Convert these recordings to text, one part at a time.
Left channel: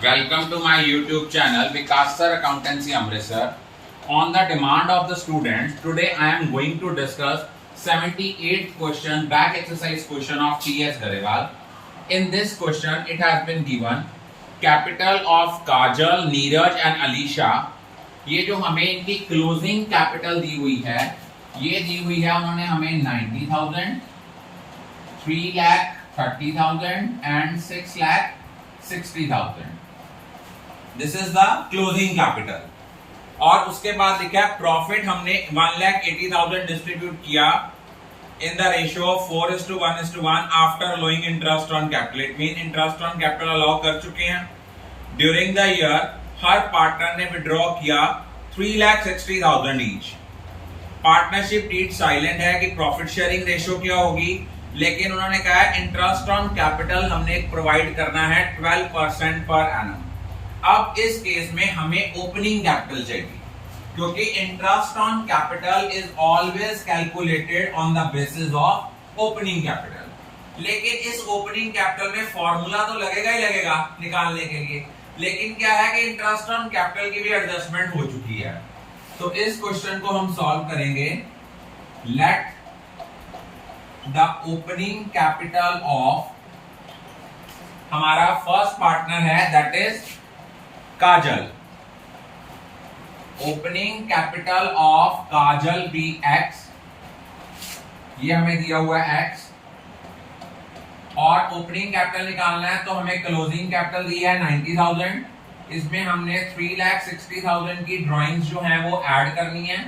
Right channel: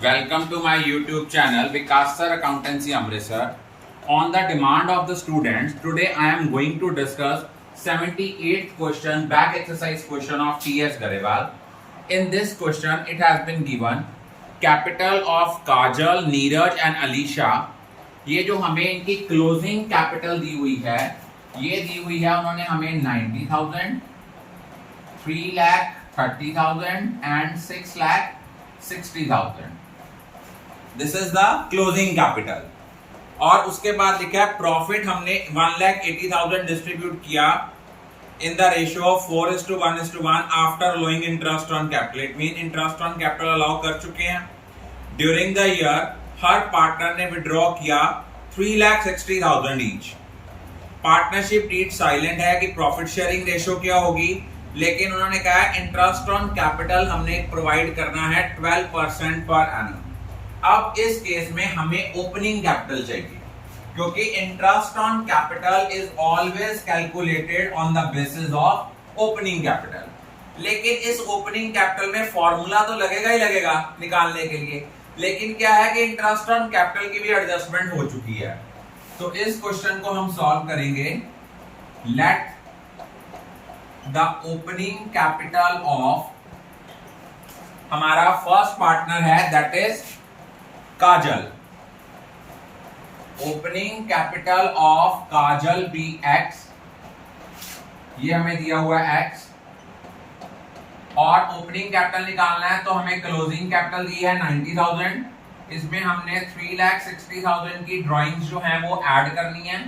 Welcome to my YouTube channel Vikas Sir Accountancy Amritsar. On the demand of the students, today I am going to discuss 78th question back exercise question of T.S. Garewal. In this question, it has been given capital of Kajal, Neeraj and Alisha. ये जो हमें इनकी closing capital दी हुई है, ये दी हुई है उन्होंने हमें 90,000, 3,30,000 and 6,60,000. This is the closing capital. और उसके बाद लिखा है प्रॉफिट हमने 1,80,000 डिस्ट्रीब्यूट किया in the ratio of 4:1:1 after allowing interest on capital. It mean interest on capital allow कर चुके हैं. During the year her partner ने विड्रॉ किया 3,60,000 ईच. पार्टनरशिप डीड साइलेंट है कि प्रॉफिट शेयरिंग रेशियो क्या होगी, लेकिन उन्होंने कहा इंटरेस्ट ऑन कैपिटल हमने प्रोवाइड करना है 12% पर एनम. अब इस केस में हमें ओपनिंग कैपिटल चाहिए, क्योंकि interest on capital is always calculated on the basis of opening capital. लेकिन इस ओपनिंग कैपिटल में फॉर्मूला तो लगेगा ही लगेगा निकालने के लिए, लेकिन क्या है कि इंटरेस्ट ऑन कैपिटल की भी एडजस्टमेंट हो चुकी है. तो इस क्वेश्चन को हम सॉल्व करेंगे. Let the opening capital of हमारा फर्स्ट पार्टनर है that is Kajal. Opening capital of Kajal be X. ये हमें दिया हुआ है एक्स. और ओपनिंग कैपिटल निकालना है तो हमें क्लोजिंग कैपिटल दी है 90,000. इसमें हमने 3,60,000 की ड्राइंग्स जो हैं वो ऐड करनी है.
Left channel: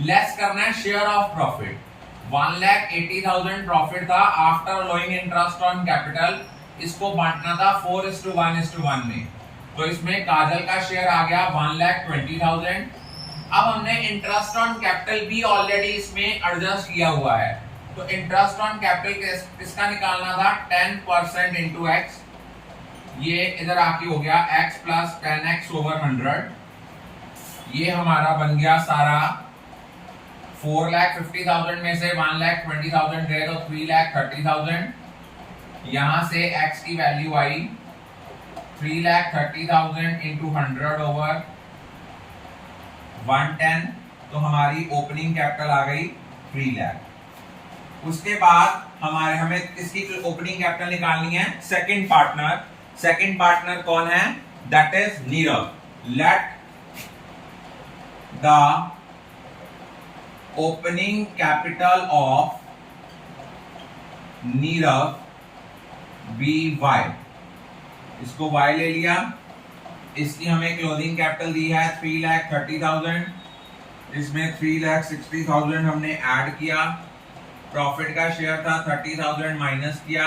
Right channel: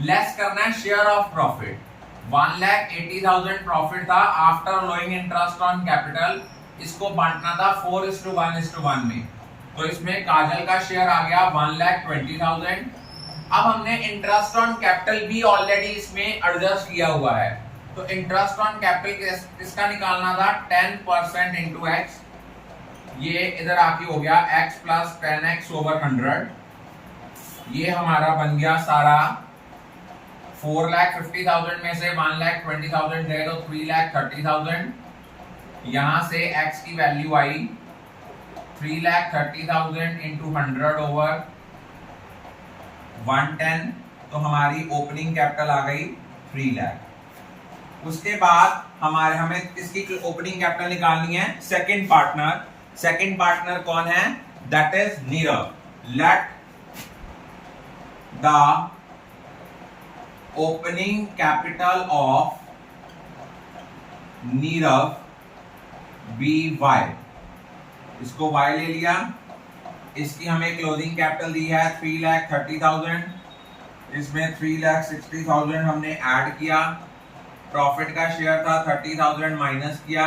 लेस करना है शेयर ऑफ प्रॉफिट. 1,80,000 प्रॉफिट था after allowing interest on capital. इसको बांटना था 4:1:1 में. तो इसमें काजल का शेयर आ गया 1,20,000. अब हमने इंटरेस्ट ऑन कैपिटल भी ऑलरेडी इसमें एडजस्ट किया हुआ है. तो इंटरेस्ट ऑन कैपिटल किसका निकालना था 10% इंटू एक्स. ये इधर आके हो गया x प्लस 10x ओवर 100. ये हमारा बन गया सारा 4,50,000 में से 1,20,000 गए तो 3,30,000. यहां से x की वैल्यू आई 3,30,000 इंटू 100 ओवर 110. तो हमारी ओपनिंग कैपिटल आ गई 3 लाख. उसके बाद हमें इसकी ओपनिंग कैपिटल निकालनी है सेकंड पार्टनर. सेकंड पार्टनर कौन है that is Nirav. Let the opening capital of Nirav be Y. इसको y ले लिया. इसकी हमें क्लोजिंग कैपिटल दी है 3,30,000. इसमें 3,60,000 हमने ऐड किया. प्रॉफिट का शेयर था 30,000 माइनस किया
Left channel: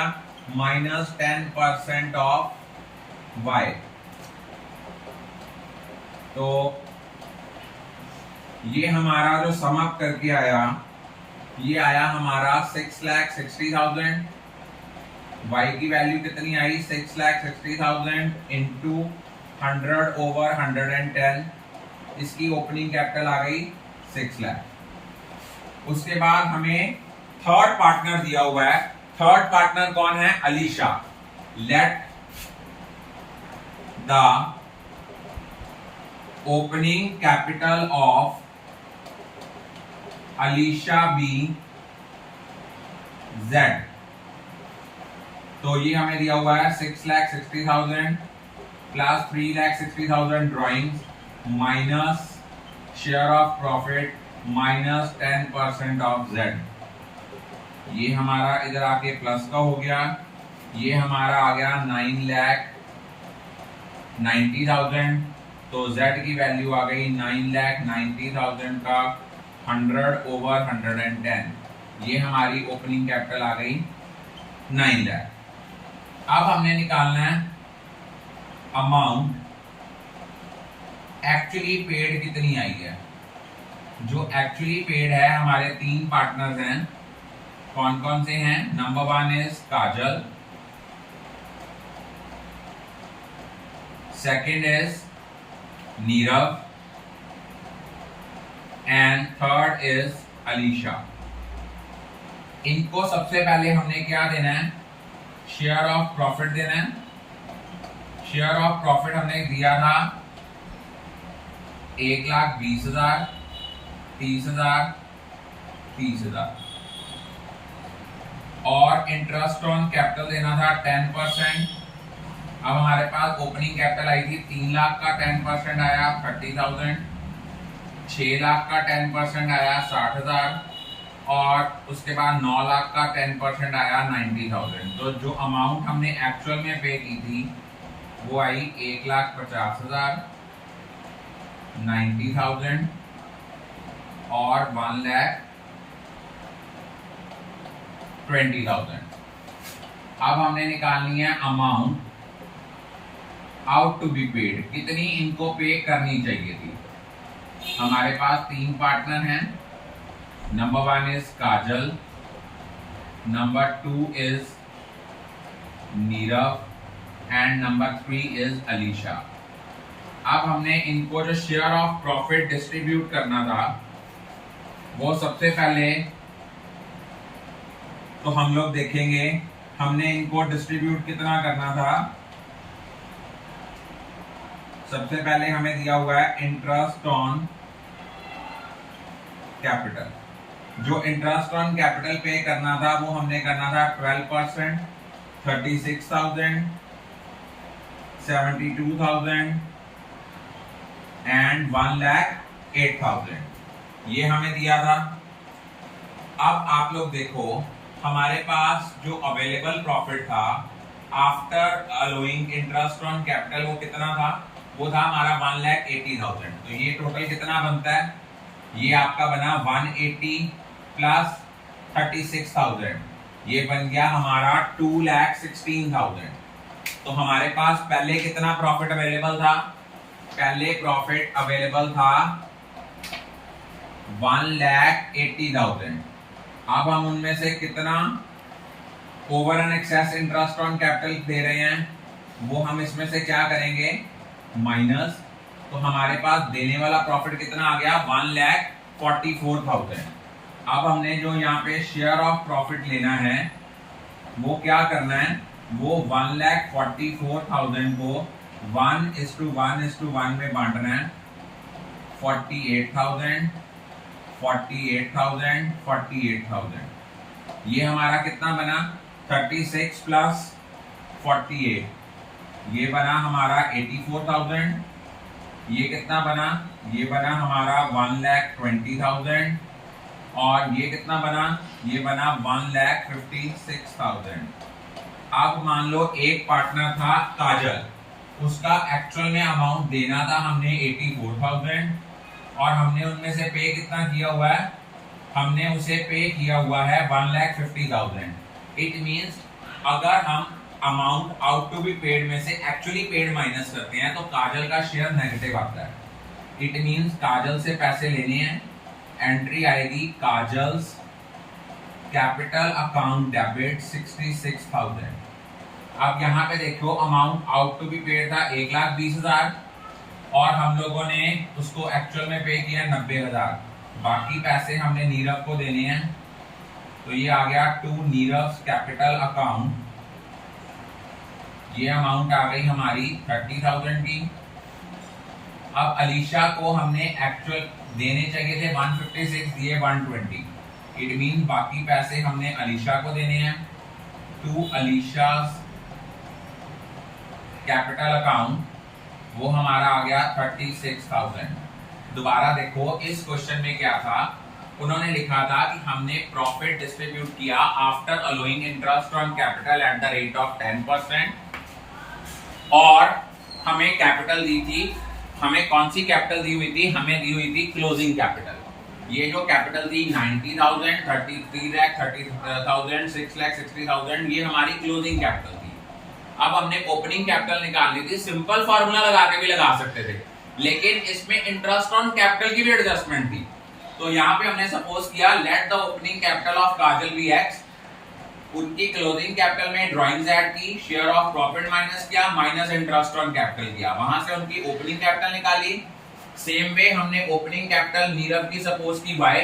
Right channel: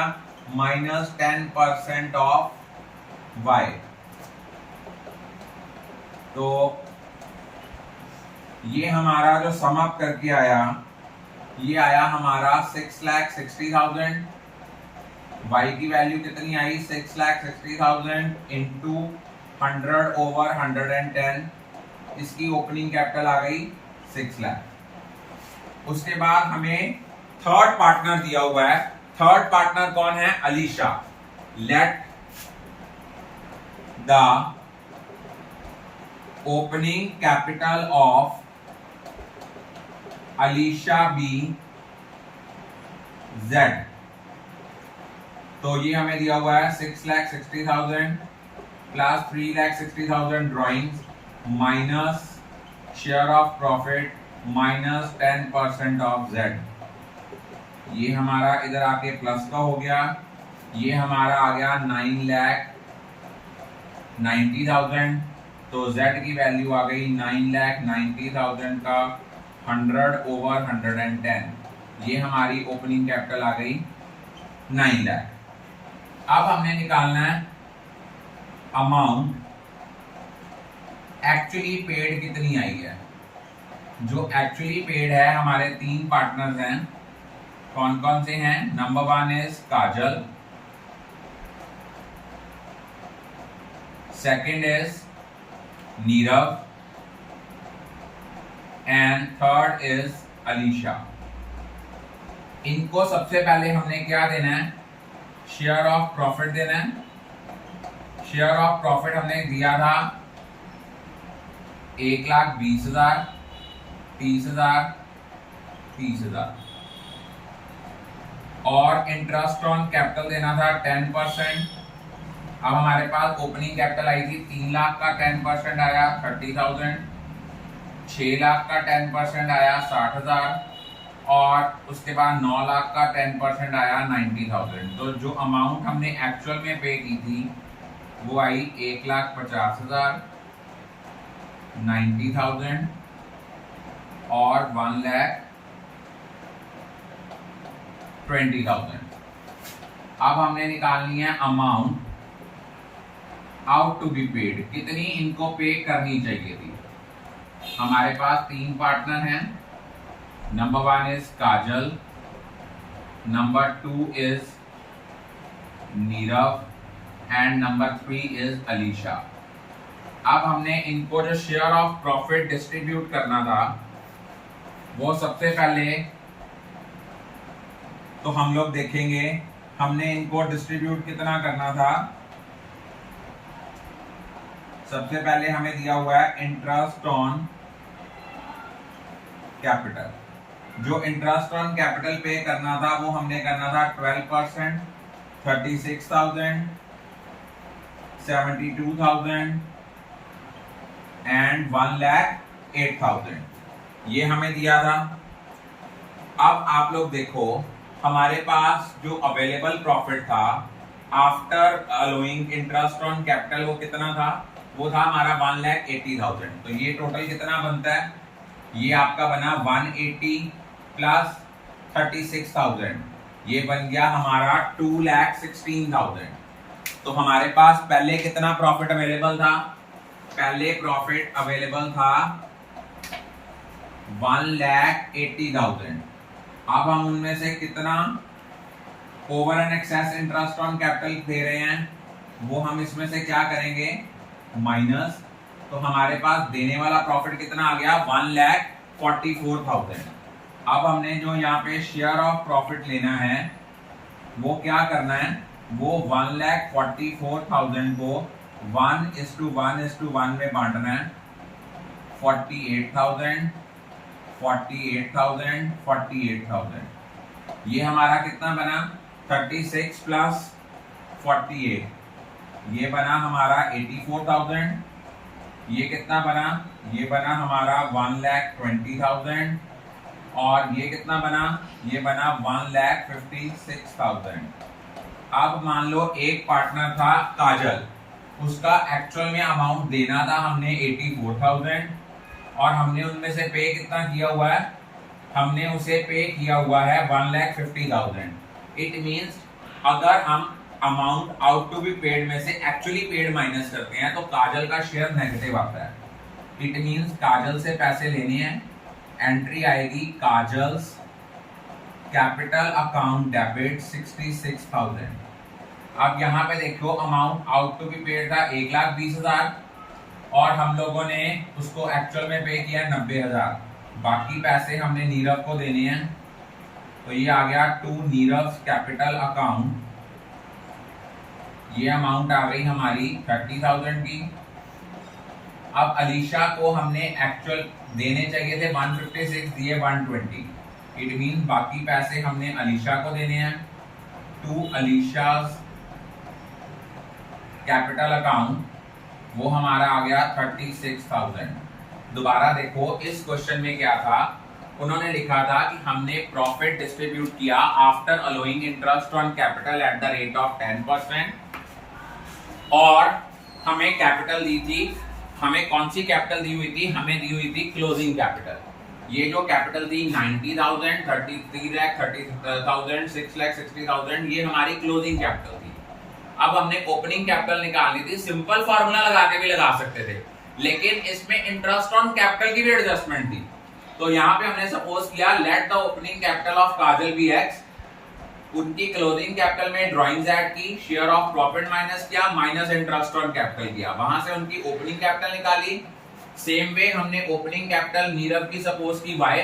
माइनस 10% ऑफ y. तो ये हमारा जो सम अप करके आया ये आया हमारा 6,60,000. y की वैल्यू कितनी आई 6,60,000 इंटू 100 ओवर 110. इसकी ओपनिंग कैपिटल आ गई 6 लाख. उसके बाद हमें थर्ड पार्टनर दिया हुआ है. थर्ड पार्टनर कौन है Alisha. Let the opening capital of Alisha be Z. तो ये हमें दिया हुआ है 6,60,000 plus 3,60,000 drawings minus share of profit minus 10% of Z. ये हमारा इधर आके प्लस का हो गया. ये हमारा आ गया 9,90,000. तो z की वैल्यू आ गई 9,90,000 का 100 ओवर 110. ये हमारी ओपनिंग कैपिटल आ गई 9 लाख. अब हमने निकालना है अमाउंट एक्चुअली पेड कितनी आई है. जो एक्चुअली पेड है हमारे 3 पार्टनर्स हैं. कौन कौन से हैं. Number 1 is Kajal, second is Nirav and third is Alisha. इनको सबसे पहले हमने क्या देना है शेयर ऑफ प्रॉफिट देना है. शेयर ऑफ प्रॉफिट हमने दिया था 1,20,000, 30,000, 30,000 और इंटरेस्ट ऑन कैपिटल देना था 10%। अब हमारे पास ओपनिंग कैपिटल आई थी 3 लाख का 10% आया 30,000, 6 लाख का 10% आया 60,000 और उसके बाद 9 लाख का 10% आया 90,000। तो जो अमाउंट हमने एक्चुअल में पे की थी वो आई 1,50,000, 90,000 और 1,20,000। अब हमने निकालनी है amount out to be paid, कितनी इनको पे करनी चाहिए थी। हमारे पास 3 पार्टनर हैं, number 1 is Kajal, number 2 is Nirav and number 3 is Alisha. अब हमने इनको जो शेयर ऑफ प्रॉफिट डिस्ट्रीब्यूट करना था वो सबसे पहले तो हम लोग देखेंगे हमने इनको डिस्ट्रीब्यूट कितना करना था। सबसे पहले हमें दिया हुआ है इंटरेस्ट ऑन कैपिटल। जो इंटरेस्ट ऑन कैपिटल पे करना था वो हमने करना था 12%, 36,000, 72,000 एंड 1,08,000, ये हमें दिया था। अब आप लोग देखो हमारे पास जो अवेलेबल प्रॉफिट था after allowing interest on capital वो कितना था, वो था हमारा 1,80,000। तो ये टोटल कितना बनता है, ये आपका बना 180 प्लस 36,000, ये बन गया हमारा 2,16,000। तो हमारे पास पहले कितना प्रॉफिट अवेलेबल था, पहले प्रॉफिट अवेलेबल था 1,80,000। अब हम उनमें से कितना over and excess interest on capital दे रहे हैं वो हम इसमें से क्या करेंगे माइनस। तो हमारे पास देने वाला प्रॉफिट कितना आ गया 1,44,000। अब हमने जो यहाँ पे शेयर ऑफ प्रॉफिट लेना है वो क्या करना है, वो 1,44,000 को 1:1:1 में बांटना है। 48,000, 48,000, 48,000, ये हमारा कितना बना 36 प्लस 48, ये बना हमारा 84,000। ये कितना बना, ये बना हमारा 1,20,000 और ये कितना बना, ये बना 1,56,000। अब मान लो एक पार्टनर था काजल, उसका एक्चुअल में अमाउंट देना था हमने 84,000 और हमने उनमें से पे कितना किया हुआ है, हमने उसे पे किया हुआ है 1,50,000। इट मींस अगर हम amount out to be paid में से एक्चुअली पेड माइनस करते हैं तो काजल का शेयर नेगेटिव आता है। इट मींस काजल से पैसे लेने हैं, एंट्री आएगी काजल्स कैपिटल अकाउंट डेबिट 66,000। अब यहाँ पे देखो amount out to be paid था 1,20,000 और हम लोगों ने उसको एक्चुअल में पे किया 90,000। बाकी पैसे हमने नीरव को देने हैं, तो ये आ गया टू नीरव कैपिटल अकाउंट। ये अमाउंट आ गई हमारी 30,000 की। अब अलीशा को हमने एक्चुअल देने चाहिए थे 156, दिए 120। इट मीन बाकी पैसे हमने अलीशा को देने हैं। टू अलीशा कैपिटल अकाउंट, वो हमारा आ गया 36,000। दोबारा देखो इस क्वेश्चन में क्या था, उन्होंने लिखा था कि हमने प्रॉफिट डिस्ट्रीब्यूट किया after allowing interest on capital at the rate of 10% और हमें कैपिटल दी थी, हमें कौन सी कैपिटल दी हुई थी, हमें दी हुई थी क्लोजिंग कैपिटल। ये जो कैपिटल थी 90,000, 33 लाख, 30,000, 6 लाख 60,000, ये हमारी क्लोजिंग कैपिटल थी। अब हमने ओपनिंग कैपिटल निकालनी थी, सिंपल फार्मूला लगा के भी लगा सकते थे, लेकिन इसमें इंटरेस्ट ऑन कैपिटल की भी एडजस्टमेंट थी। तो यहाँ पे हमने सपोज किया let the opening capital of Kajal be X, उनकी क्लोजिंग कैपिटल में ड्राइंग्स ऐड की, शेयर ऑफ प्रॉफिट माइनस किया, माइनस इंटरेस्ट ऑन कैपिटल किया, वहां से उनकी ओपनिंग कैपिटल निकाली। सेम वे हमने ओपनिंग कैपिटल नीरव की सपोज की वाई,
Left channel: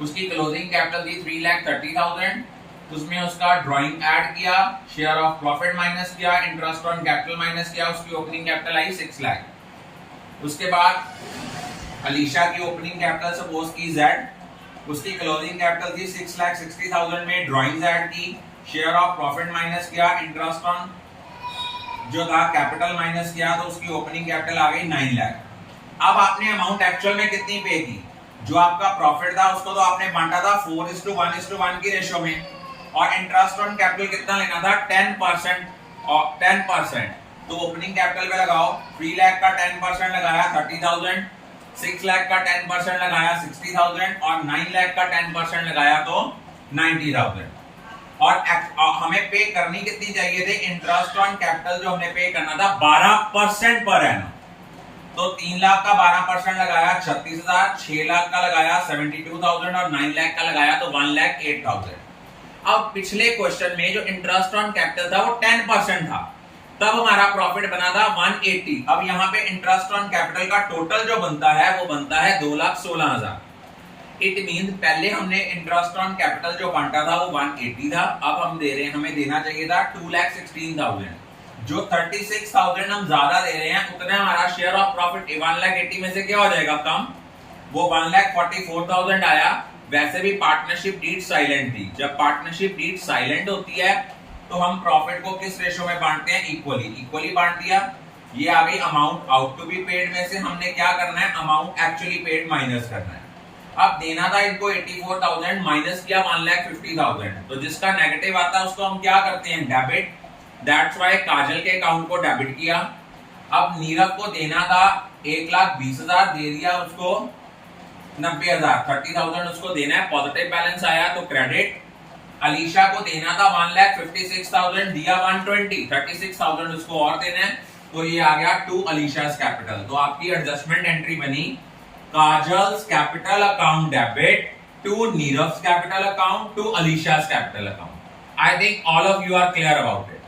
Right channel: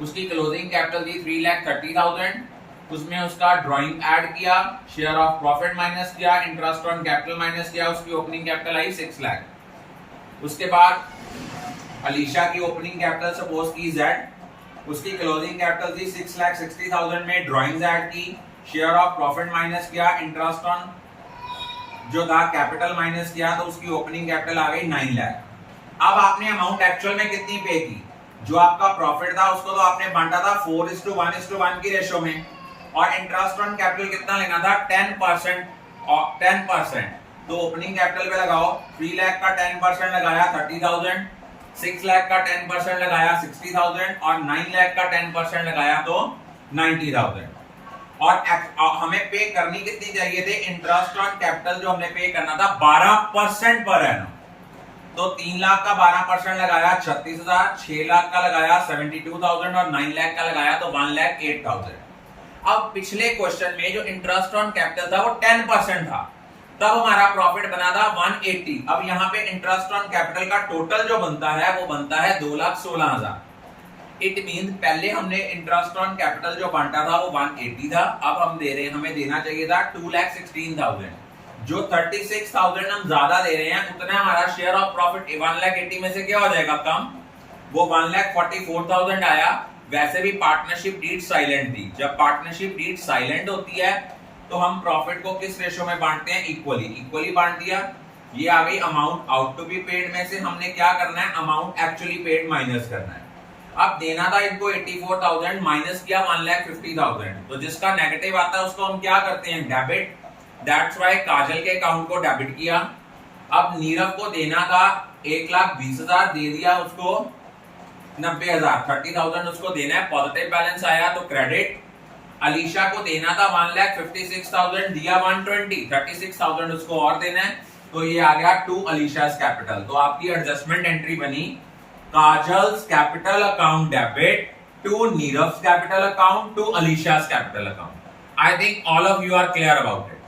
उसकी क्लोजिंग कैपिटल थी 3,30,000, उसमें उसका ड्राइंग ऐड किया, शेयर ऑफ प्रॉफिट माइनस किया, इंटरेस्ट ऑन कैपिटल माइनस किया, उसकी ओपनिंग कैपिटल आई 6 लाख। उसके बाद अलीशा की ओपनिंग कैपिटल सपोज की Z, उसकी क्लोजिंग कैपिटल थी 6,60,000 में ड्राइंग्स ऐड की, शेयर ऑफ प्रॉफिट माइनस किया, इंटरेस्ट ऑन जो था कैपिटल माइनस किया, तो उसकी ओपनिंग कैपिटल आ गई 9 लाख। अब आपने अमाउंट एक्चुअल में कितनी पे की, जो आपका प्रॉफिट था उसको तो आपने बांटा था 4:1 की रेशो में, और इंटरेस्ट ऑन कैपिटल कितना लेना था 10% और 10%, तो ओपनिंग कैपिटल पे लगाओ 3 लाख का 10% लगाया 30,000, 6 लाख का 10% लगाया 60,000 और 9 लाख का 10% लगाया तो 90,000। और हमें पे करनी कितनी चाहिए थे, इंटरेस्ट ऑन कैपिटल जो हमने पे करना था 12% पर एनम, तो 3 लाख का 12% लगाया 36,000, 6 लाख का लगाया 72,000 और 9 लाख का लगाया तो 1,08,000। अब पिछले क्वेश्चन में जो इंटरेस्ट ऑन कैपिटल था वो 10% था, तब हमारा प्रॉफिट बना था 180। अब यहाँ पे इंटरेस्ट ऑन कैपिटल का टोटल जो बनता है वो बनता है 2,16,000। इट मीन पहले हमने इंटरेस्ट ऑन कैपिटल जो बांटा था वो 180 था, अब हम दे रहे हैं, हमें देना चाहिए था 2,16,000। जो 36,000 हम ज्यादा दे रहे हैं उतना हमारा शेयर ऑफ प्रॉफिट 1,80 में से क्या हो जाएगा कम, वो 1,44,000 आया। वैसे भी पार्टनरशिप डीड साइलेंट थी, जब पार्टनरशिप डीड साइलेंट होती है तो हम प्रॉफिट को किस रेशो में बांटते हैं, इक्वली बांट दिया। ये आ गई amount out to be paid में से हमने क्या करना है, अमाउंट एक्चुअली पेड माइनस करना है। अब देना था इनको 84,000, माइनस किया 1,50,000, तो जिसका नेगेटिव आता है उसको हम क्या करते हैं, डेबिट। दैट्स वाई काजल के अकाउंट को डेबिट किया। अब नीरव को देना था 1,20,000, दे दिया उसको 90,000, 30,000 उसको देना है, पॉजिटिव बैलेंस आया तो क्रेडिट। अलीशा को देना था 1,56,000, दिया 120, 36,000 उसको और देना है, तो ये आ गया टू अलीशास कैपिटल। तो आपकी एडजस्टमेंट एंट्री बनी Kajal's capital account debit to Nirav's capital account to Alisha's capital account. I think all of you are clear about it.